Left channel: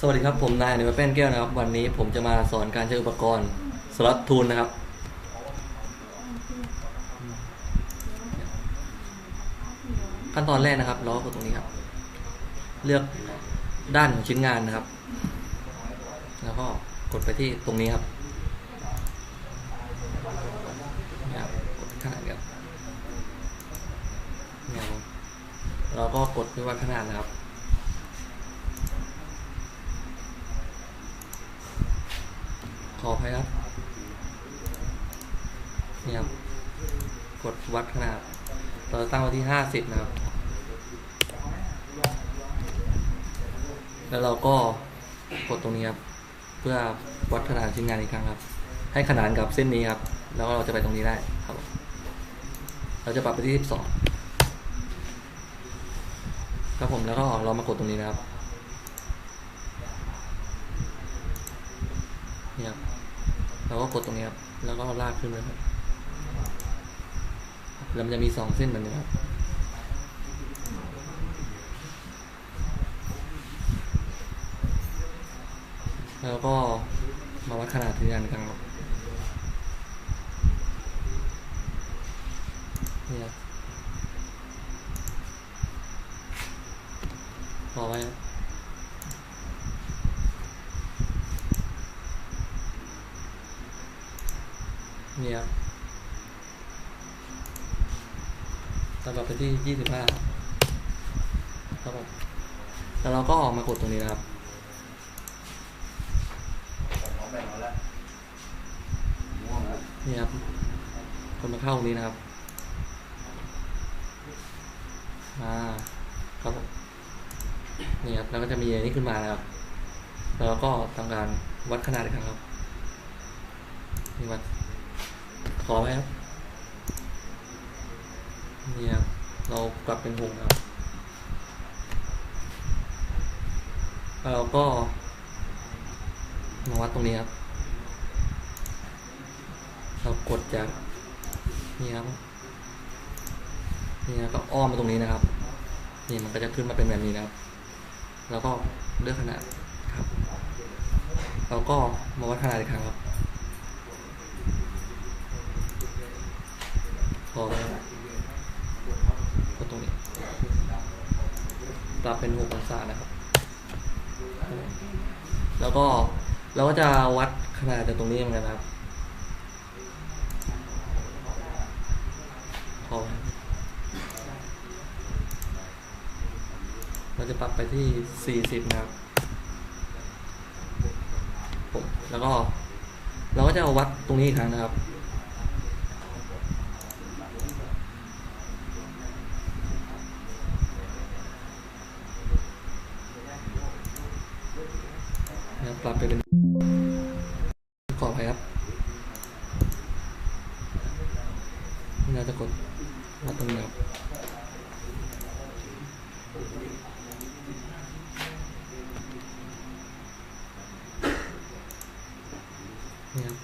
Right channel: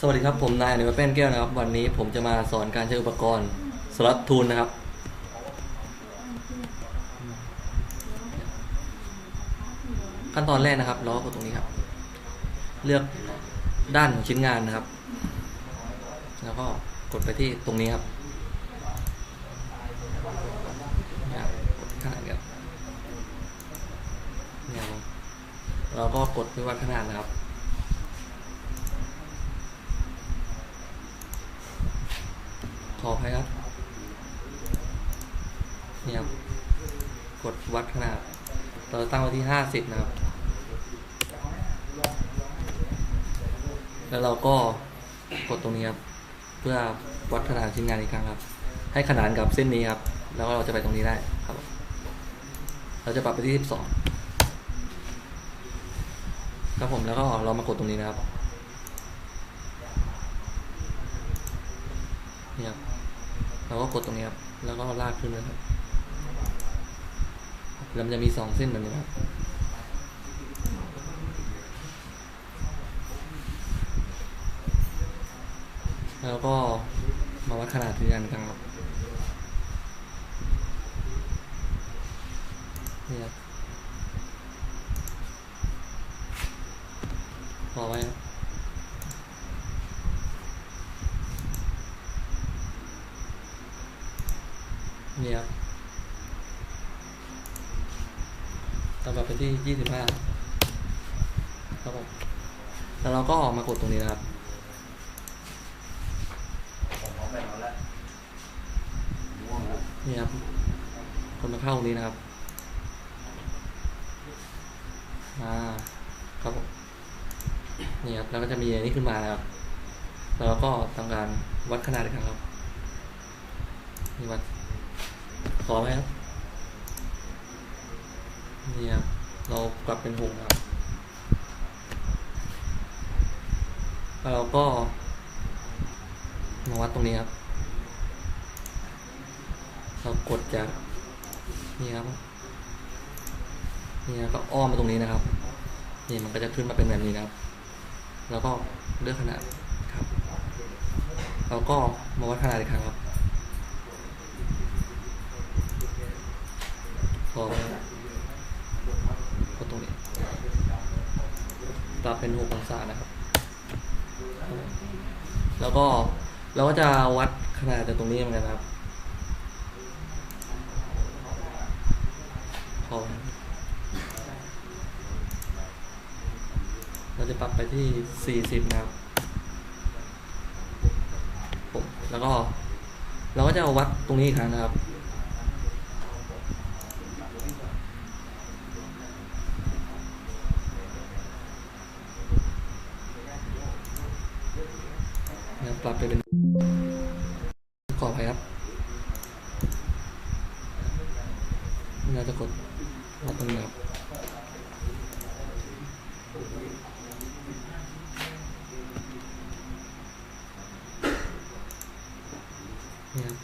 สวัสดีครับ ผมนายอนิวแป้นแก้วนะครับ วันนี้ผมจะมาสอนการใช้อุปกรณ์สล็อตทูลนะครับ ขั้นตอนแรกนะครับเราก็กดตรงนี้ครับ เลือกด้านของชิ้นงานนะครับ แล้วก็กดไปที่ตรงนี้ครับนะครับกดขนาดครับเนี่ยครับเราก็กดไปวัดขนาดนะครับ ขออภัยครับนี่ครับกดวัดขนาดเราตั้งไว้ที่ห้าสิบนะครับ แล้วเราก็กดตรงนี้ครับ เพื่อวัดขนาดชิ้นงานอีกครั้งครับ ให้ขนานกับเส้นนี้ครับ แล้วเราจะไปตรงนี้ได้ครับ เราจะปรับไปที่สิบสองครับผมแล้วก็เรามากดตรงนี้นะครับ นี่ครับเราก็กดตรงนี้ครับ แล้วก็ลากขึ้นเลยครับแล้วมันจะมีสองเส้นแบบนี้ครับแล้วก็มาวัดขนาดที่กันกันครับนี่ครับพอไว้ครับ นี่ครับตำรับไปที่ยี่สิบห้าครับผมแล้วเราก็ออกมากดตรงนี้นะครับนี่ครับกดมาเข้าตรงนี้นะครับมาครับผมนี่ครับแล้วก็จะมีอันนี้ขึ้นมานะครับแล้วเราก็ทำการวัดขนาดอีกครั้งครับนี่วัด ขอไหมครับนี่ครับเรากลับเป็นหกครับแล้วเราก็มาวัดตรงนี้ครับ เรากดจากนี่ครับนี่นะก็อ้อมมาตรงนี้นะครับ นี่มันก็จะขึ้นมาเป็นแบบนี้นะครับ แล้วก็เลือกขนาดครับเราก็มาวัดขนาดอีกครั้งครับ อแล้วก็ตรงนี้ปรับเป็นหกองศานะครับ แล้วก็เราก็จะวัดขนาดจากตรงนี้เหมือนกันครับพอเราจะปรับไปที่ 40 นะครับแล้วก็ เราก็จะวัดตรงนี้อีกครั้งนะครับ นะ ครับไปเป็น ขออภัยครับเราจะกดวัดตรงนี้ครับนี่ครับ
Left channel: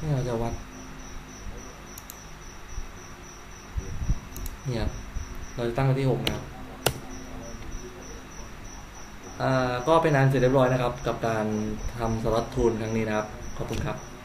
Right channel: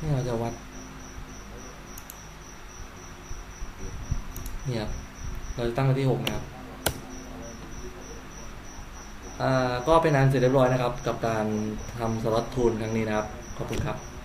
นี่เราจะวัดนี่ครับเราจะตั้งไว้ที่หกนะครับ ก็เป็นอันเสร็จเรียบร้อยนะครับ กับการทำสล็อตทูลครั้งนี้นะครับ ขอบคุณครับ